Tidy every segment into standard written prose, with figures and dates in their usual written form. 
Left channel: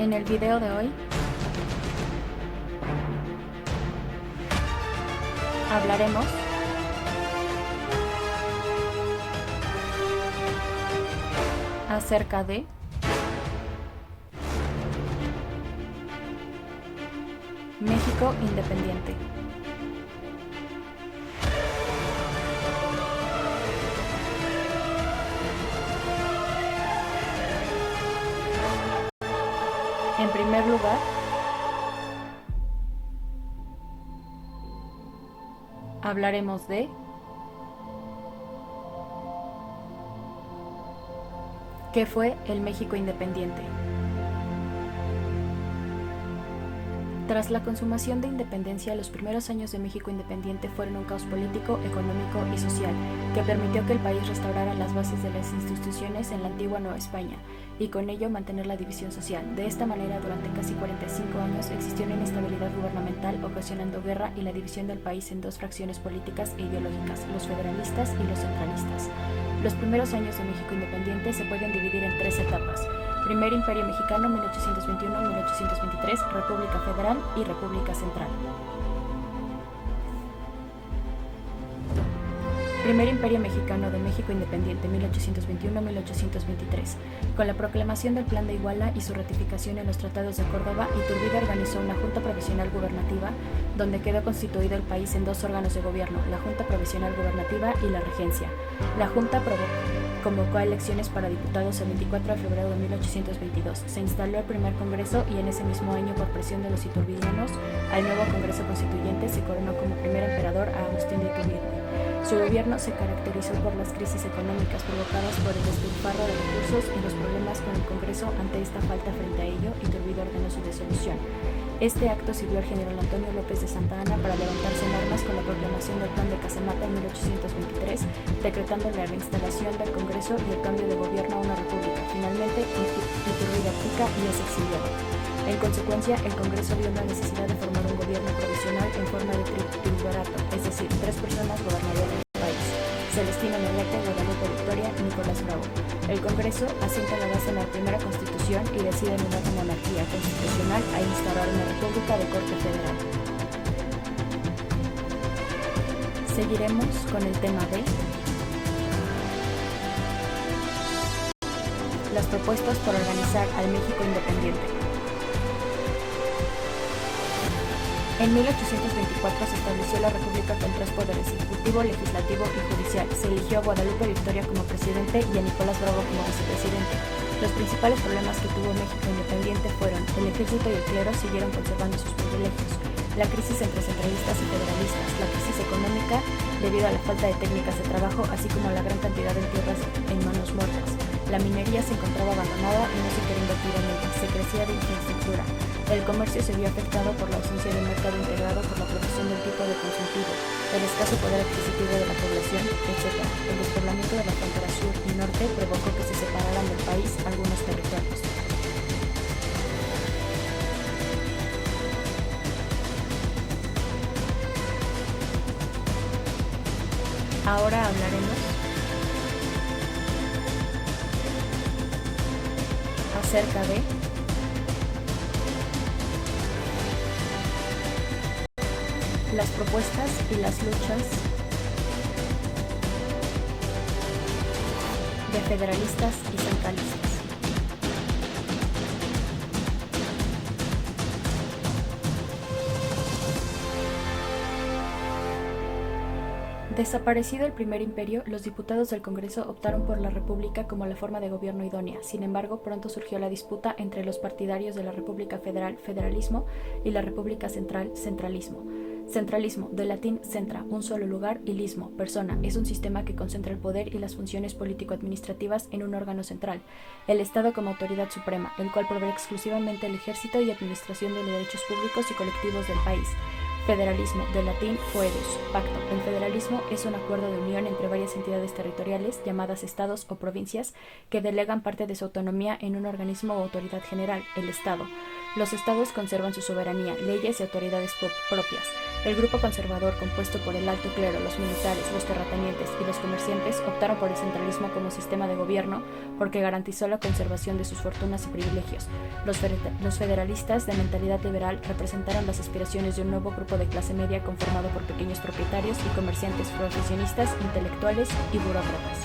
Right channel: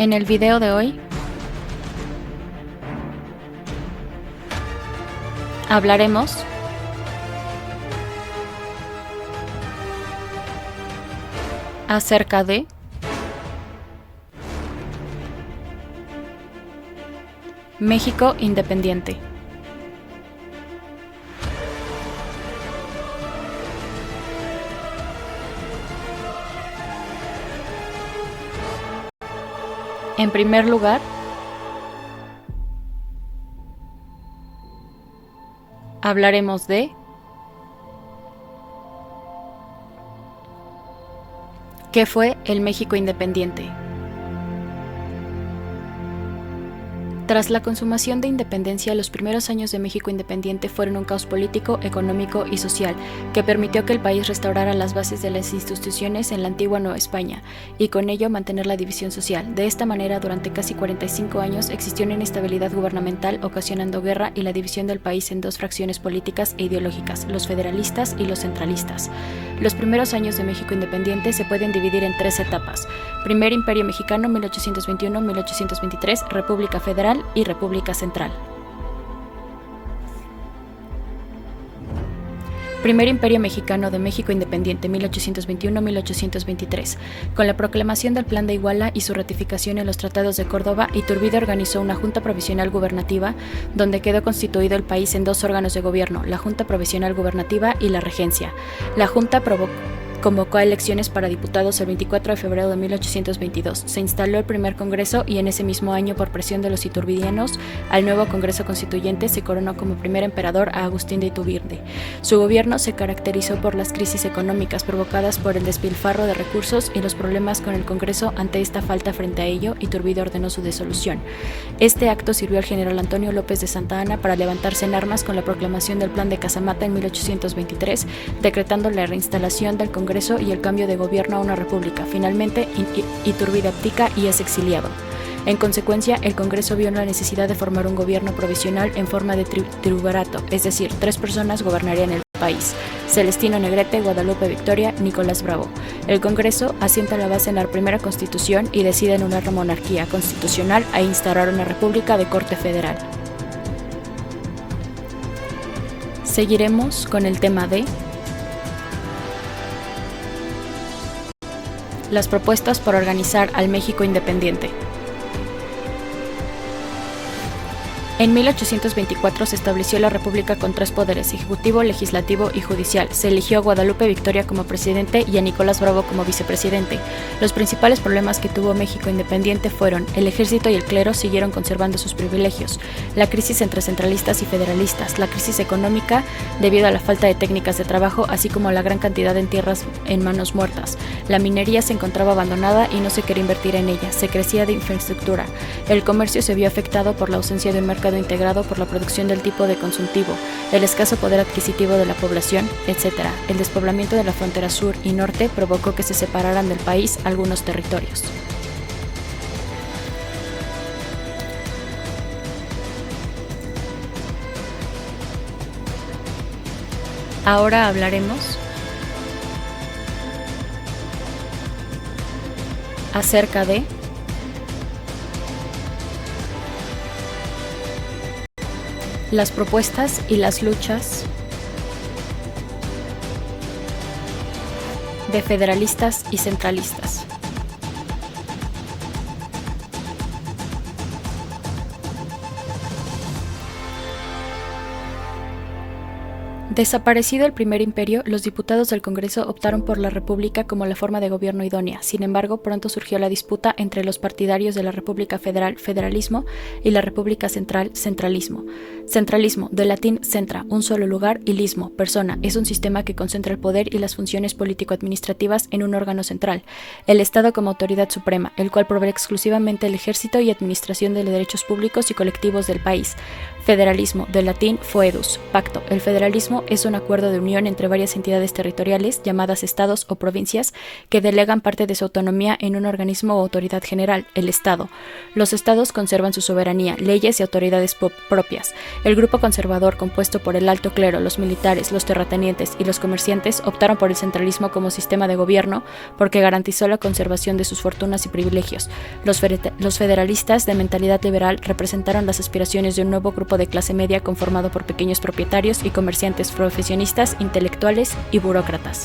En el video de hoy hablaremos acerca de México independiente. En primer lugar, hablaremos de ¿qué fue el México independiente? Tras la consumación de independencia, los primeros años de México independiente fueron un caos político, económico y social que permitió que el país restaurara las bases de las instituciones en la antigua Nueva España y con ello mantener la división social. De esta manera, durante casi 45 años existió una inestabilidad gubernamental ocasionando guerra y la división del país en dos fracciones políticas e ideológicas, los federalistas y los centralistas. Los primeros años de México independiente se pueden dividir en tres etapas: Primer Imperio Mexicano 1821-1823, República Federal y República Central. Primer Imperio Mexicano de México Independiente 1821-1823. Con la proclamación del Plan de Iguala y su ratificación en los Tratados de Córdoba, Iturbide organizó una Junta Provisional Gubernativa donde quedó constituido el país en dos órganos de gobierno, la Junta Provisional Gubernativa y la Regencia. La Junta convocó a elecciones para diputados el 24 de febrero de 1822. Se instaló el primer Congreso y en ese mismo año, por presión de los iturbidianos, al nuevo Congreso Constituyente se coronó como primer emperador a Agustín de Iturbide. Su gobierno se caracterizó por las crisis económicas provocadas por el despilfarro de recursos y los problemas con el Congreso. Ante esta falta frente a ello, Iturbide ordenó su disolución. Este acto sirvió al general Antonio López de Santa Anna para levantarse en armas con la proclamación del Plan de Casamata en 1823, decretando la reinstalación del Congreso y el cambio de gobierno a una república. Finalmente, Iturbide abdica y es exiliado. En consecuencia, el Congreso vio la necesidad de formar un gobierno provisional en forma de triunvirato, es decir, 3 personas gobernarían el país: Celestino Negrete, Guadalupe Victoria, Nicolás Bravo. El Congreso asienta la base en la primera Constitución y decide en una monarquía constitucional e instaurar una república de corte federal. Seguiremos con el tema de las propuestas por organizar al México independiente. En 1824 se estableció la República con 3 poderes: ejecutivo, legislativo y judicial. Se eligió a Guadalupe Victoria como presidente y a Nicolás Bravo como vicepresidente. Los principales problemas que tuvo México independiente fueron: el ejército y el clero siguieron conservando sus privilegios, la crisis entre centralistas y federalistas, la crisis económica debido a la falta de técnicas de trabajo, así como la gran cantidad de tierras en manos muertas. La minería se encontraba abandonada y no se quería invertir en ella, se carecía de infraestructura. El comercio se vio afectado por la ausencia de un mercado integrado por la producción del tipo de consultivo, el escaso poder adquisitivo de la población, etc. El despoblamiento de la frontera sur y norte provocó que se separaran del país algunos territorios. Ahora hablaremos acerca de las propuestas y las luchas de federalistas y centralistas. Desaparecido el primer imperio, los diputados del Congreso optaron por la República como la forma de gobierno idónea. Sin embargo, pronto surgió la disputa entre los partidarios de la República Federal, federalismo, y la República Central, centralismo. Centralismo, del latín centra, un solo lugar, y lismo, persona, es un sistema que concentra el poder y las funciones político-administrativas en un órgano central, el Estado como autoridad suprema, el cual provee exclusivamente el ejército y administración de los derechos públicos y colectivos del país. Federalismo, del latín foedus, pacto. El federalismo es un acuerdo de unión entre varias entidades territoriales, llamadas estados o provincias, que delegan parte de su autonomía en un organismo o autoridad general, el Estado. Los estados conservan su soberanía, leyes y autoridades propias. El grupo conservador, compuesto por el alto clero, los militares, los terratenientes y los comerciantes, optaron por el centralismo como sistema de gobierno porque garantizó la conservación de sus fortunas y privilegios. Los federalistas, de mentalidad liberal, representaron las aspiraciones de un nuevo grupo de clase media conformado por pequeños propietarios y comerciantes profesionistas, intelectuales y burócratas.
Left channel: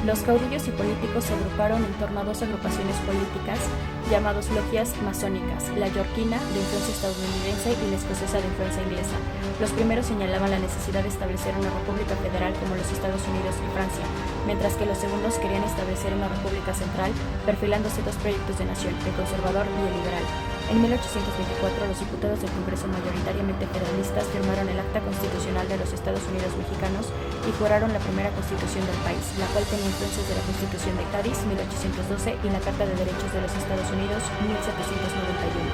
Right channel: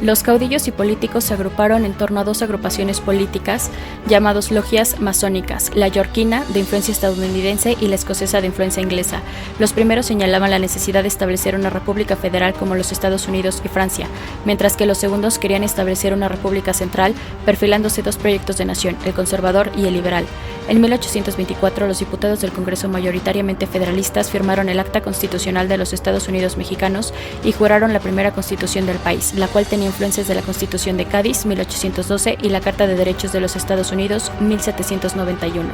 Los caudillos y políticos se agruparon en torno a dos agrupaciones políticas llamadas logias masónicas, la yorquina, de influencia estadounidense, y la escocesa, de influencia inglesa. Los primeros señalaban la necesidad de establecer una república federal como los Estados Unidos y Francia, mientras que los segundos querían establecer una república central, perfilándose dos proyectos de nación, el conservador y el liberal. En 1824, los diputados del Congreso, mayoritariamente federalistas, firmaron el Acta Constitucional de los Estados Unidos Mexicanos y juraron la primera constitución del país, la cual tenía influencias de la Constitución de Cádiz, 1812, y la Carta de Derechos de los Estados Unidos, 1791.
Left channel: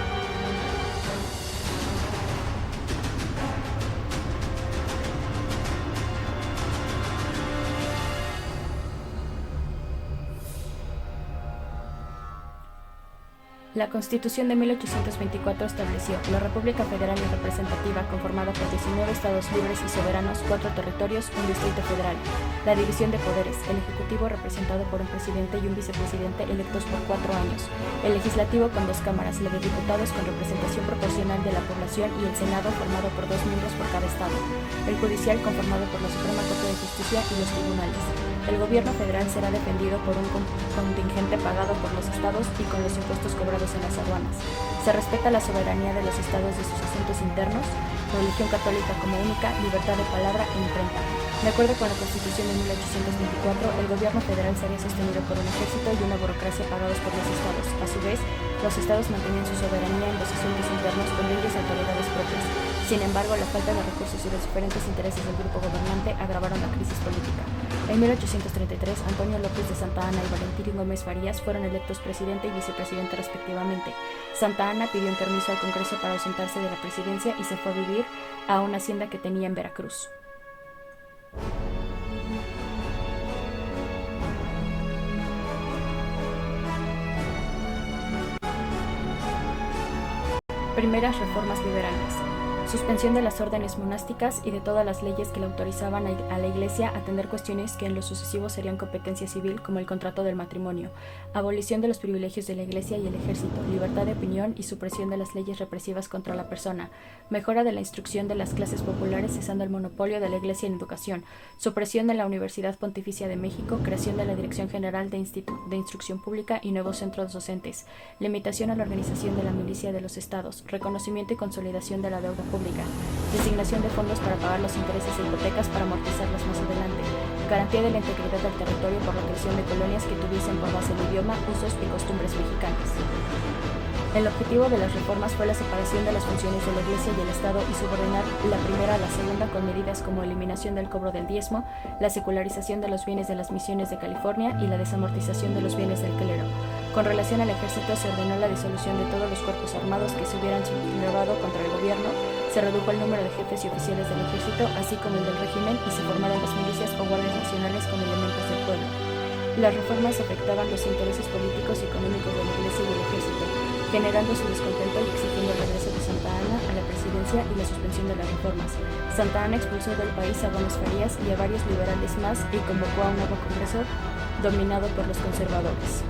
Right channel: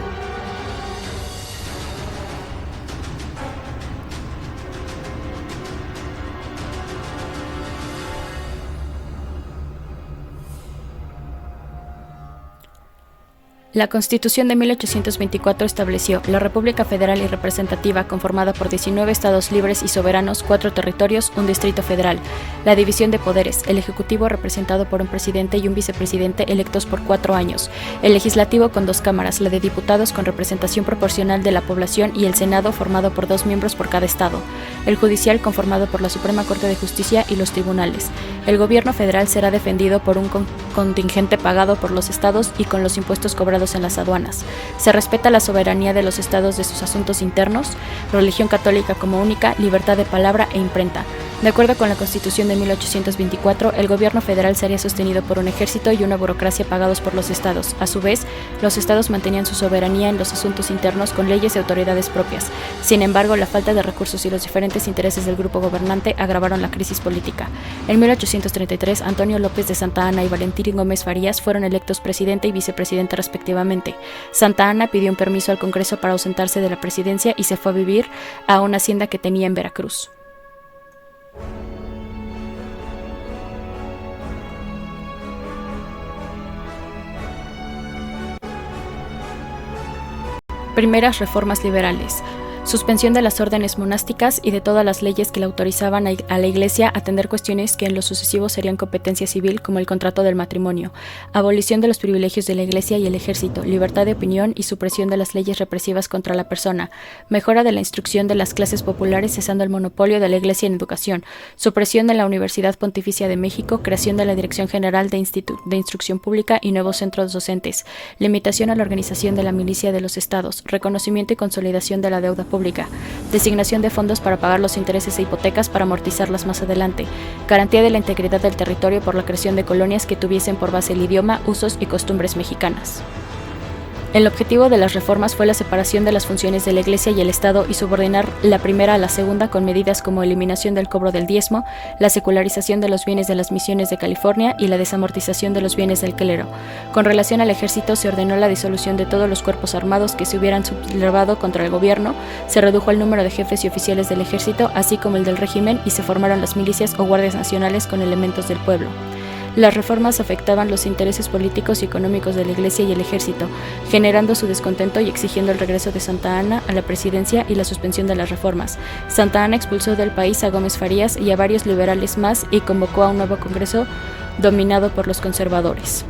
La Constitución de 1824 estableció la República Federal y Representativa, conformada por 19 estados libres y soberanos, 4 territorios, un distrito federal. La división de poderes: el Ejecutivo, representado por un presidente y un vicepresidente electos por 4 años; el Legislativo, con 2 cámaras, la de diputados con representación proporcional de la población, y el Senado, formado por 2 miembros por cada estado; el Judicial, conformado por la Suprema Corte de Justicia y los tribunales. El gobierno federal será defendido por un contingente pagado por los estados y con los impuestos cobrados en las aduanas. Se respeta la soberanía de los estados de sus asuntos internos, religión católica como única, libertad de palabra e imprenta. De acuerdo con la Constitución de 1824, el gobierno federal sería sostenido por un ejército y una burocracia pagados por los estados. A su vez, los estados mantenían su soberanía en los asuntos internos con leyes y autoridades propias. Sin embargo, la falta de recursos y los diferentes intereses del grupo gobernante agravaron la crisis política. En 1833, Antonio López de Santa Anna y Valentín Gómez Farías fueron electos presidente y vicepresidente respectivamente. Santa Anna pidió un permiso al Congreso para ausentarse de la presidencia y se fue a vivir a una hacienda que tenía en Veracruz. Primeras reformas liberales. Suspensión de las órdenes monásticas y de todas las leyes que le autorizaban a la Iglesia a atender cuestiones que en lo sucesivo serían competencia civil, como el contrato del matrimonio. Abolición de los privilegios de la Iglesia y el ejército, libertad de opinión y supresión de las leyes represivas contra la persona. Mejora de la instrucción de las clases populares, cesando el monopolio de la Iglesia en educación. Supresión de la Universidad Pontificia de México, creación de la Dirección General de Instrucción Pública y nuevos centros docentes. Limitación a la organización de la milicia de los estados. Reconocimiento y consolidación de la deuda pública. Designación de fondos para pagar los intereses e hipotecas para amortizarlas más adelante. Garantía de la integridad del territorio por la creación de colonias que tuviesen por base el idioma, usos y costumbres mexicanas. El objetivo de las reformas fue la separación de las funciones de la Iglesia y el Estado y subordinar la primera a la segunda con medidas como eliminación del cobro del diezmo, la secularización de los bienes de las misiones de California y la desamortización de los bienes del clero. Con relación al ejército, se ordenó la disolución de todos los cuerpos armados que se hubieran sublevado contra el gobierno, se redujo el número de jefes y oficiales del ejército, así como el del régimen, y se formaron las milicias o guardias nacionales con elementos del pueblo. Las reformas afectaban los intereses políticos y económicos de la Iglesia y el ejército, generando su descontento y exigiendo el regreso de Santa Anna a la presidencia y la suspensión de las reformas. Santa Anna expulsó del país a Gómez Farías y a varios liberales más y convocó a un nuevo Congreso dominado por los conservadores.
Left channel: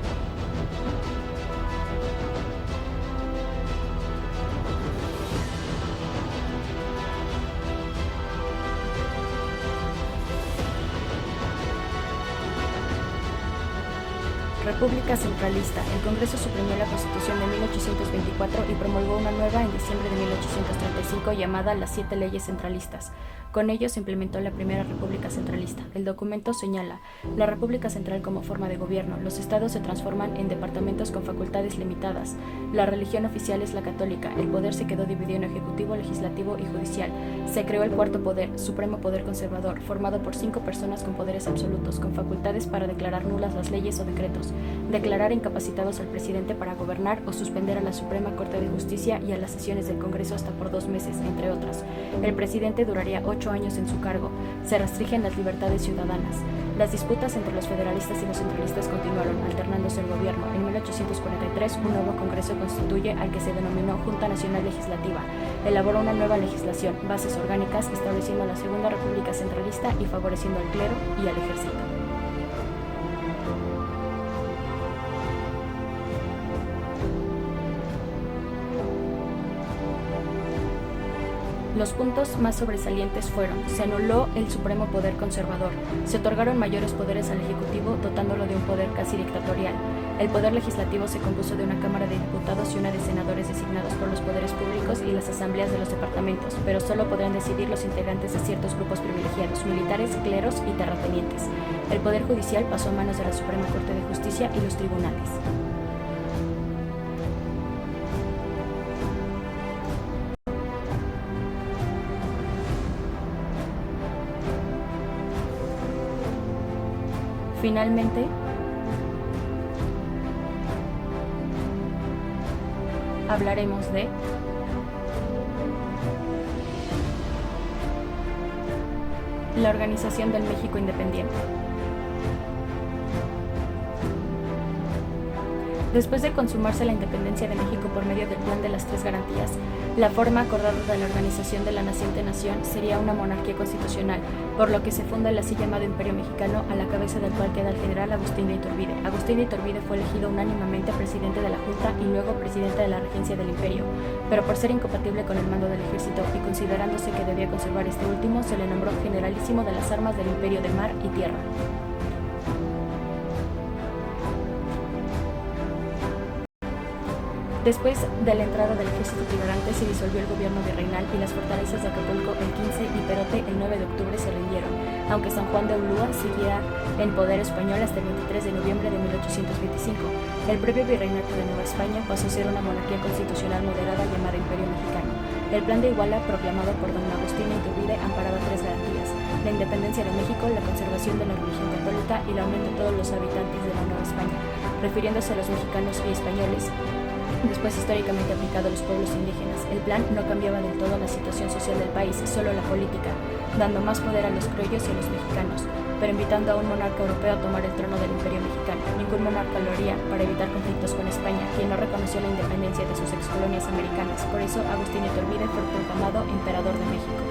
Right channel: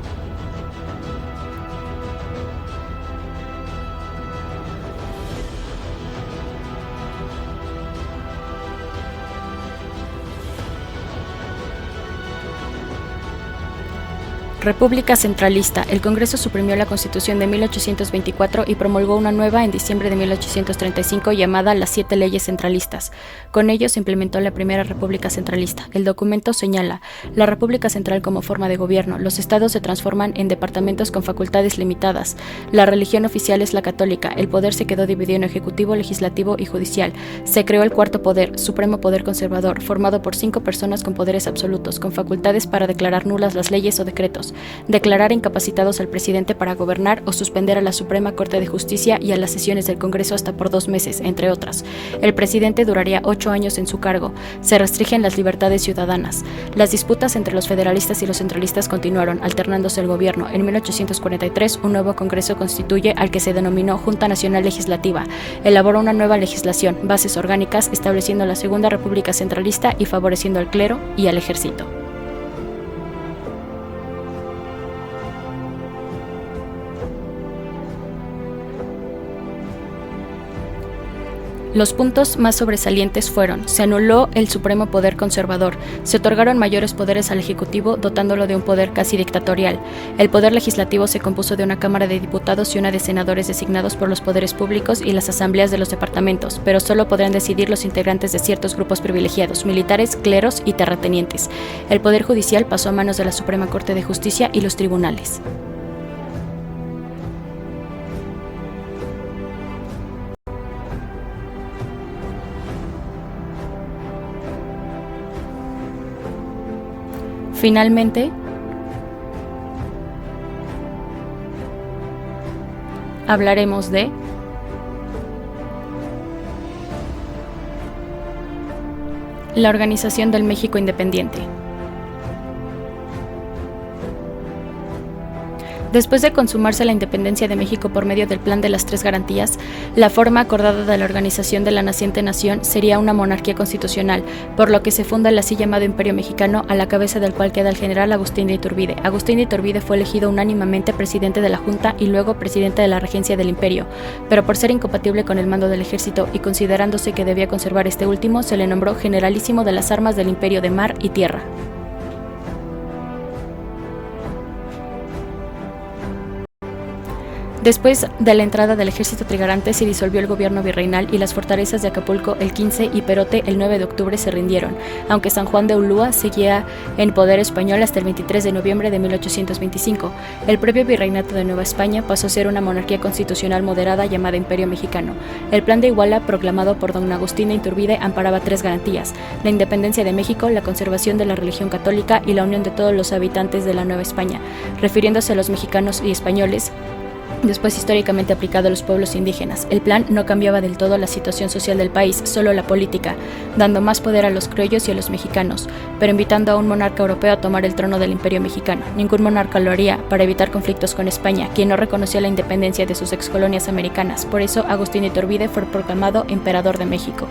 República centralista. El Congreso suprimió la Constitución de 1824 y promulgó una nueva en diciembre de 1835 llamada las 7 leyes centralistas. Con ello se implementó la primera República centralista. El documento señala la República central como forma de gobierno. Los estados se transforman en departamentos con facultades limitadas. La religión oficial es la católica. El poder se quedó dividido en ejecutivo, legislativo y judicial. Se creó el cuarto poder, supremo poder conservador, formado por 5 personas con poderes absolutos, con facultades para declarar nulas las leyes o decretos, declarar incapacitados al presidente para gobernar o suspender a la Suprema Corte de Justicia y a las sesiones del Congreso hasta por 2 meses, entre otras. El presidente duraría 8 años en su cargo. Se restringen las libertades ciudadanas. Las disputas entre los federalistas y los centralistas continuaron, alternándose el gobierno. En 1843, un nuevo Congreso constituye al que se denominó Junta Nacional Legislativa. Elaboró una nueva legislación, bases orgánicas, estableciendo la Segunda República Centralista y favoreciendo al clero y al ejército. Los puntos más sobresalientes fueron: se anuló el supremo poder conservador, se otorgaron mayores poderes al Ejecutivo dotándolo de un poder casi dictatorial. El poder legislativo se compuso de una Cámara de Diputados y una de senadores designados por los poderes públicos y las asambleas de los departamentos, pero solo podrán decidir los integrantes de ciertos grupos privilegiados, militares, cleros y terratenientes. El poder judicial pasó a manos de la Suprema Corte de Justicia y los tribunales. Finalmente, hablaremos de la Organización del México Independiente. Después de consumarse la independencia de México por medio del Plan de las Tres Garantías, la forma acordada de la organización de la naciente nación sería una monarquía constitucional, por lo que se funda el así llamado Imperio Mexicano, a la cabeza del cual queda el general Agustín de Iturbide. Agustín de Iturbide fue elegido unánimemente presidente de la Junta y luego presidente de la regencia del Imperio, pero por ser incompatible con el mando del ejército y considerándose que debía conservar este último, se le nombró generalísimo de las armas del Imperio de mar y tierra. Después de la entrada del ejército trigarante se disolvió el gobierno virreinal y las fortalezas de Acapulco el 15 y Perote el 9 de octubre se rindieron, aunque San Juan de Ulúa seguía en poder español hasta el 23 de noviembre de 1825. El propio virreinato de Nueva España pasó a ser una monarquía constitucional moderada llamada Imperio Mexicano. El Plan de Iguala, proclamado por don Agustín de Iturbide, amparaba 3 garantías: la independencia de México, la conservación de la religión católica y la unión de todos los habitantes de la Nueva España, refiriéndose a los mexicanos y españoles, después históricamente aplicado a los pueblos indígenas. El plan no cambiaba del todo la situación social del país, solo la política, dando más poder a los criollos y a los mexicanos, pero invitando a un monarca europeo a tomar el trono del Imperio Mexicano. Ningún monarca lo haría, para evitar conflictos con España, quien no reconocía la independencia de sus excolonias americanas. Por eso Agustín de Iturbide fue proclamado emperador de México.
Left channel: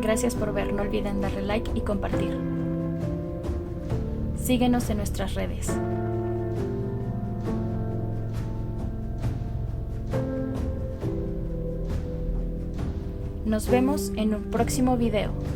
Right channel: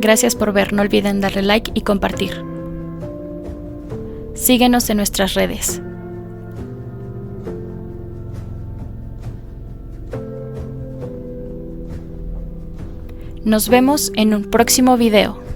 Gracias por ver, no olviden darle like y compartir. Síguenos en nuestras redes. Nos vemos en un próximo video.